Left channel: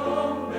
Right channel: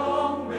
long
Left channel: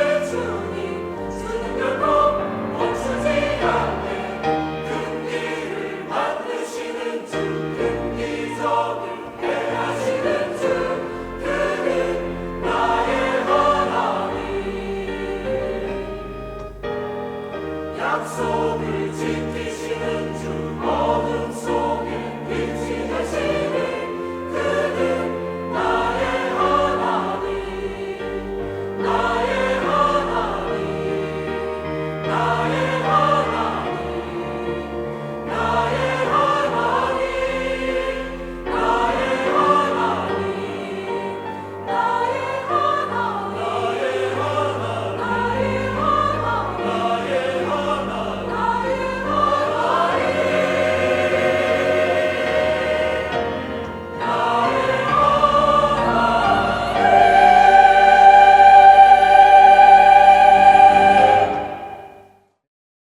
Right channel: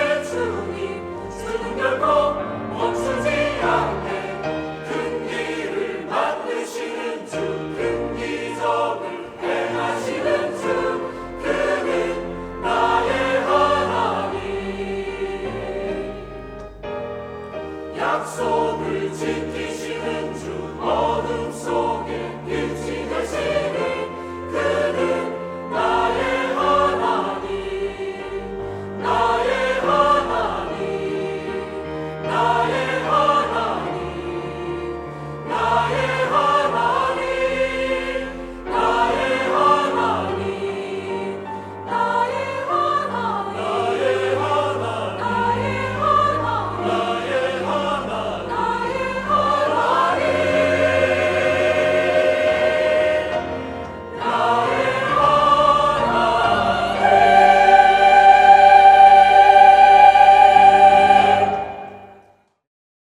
better.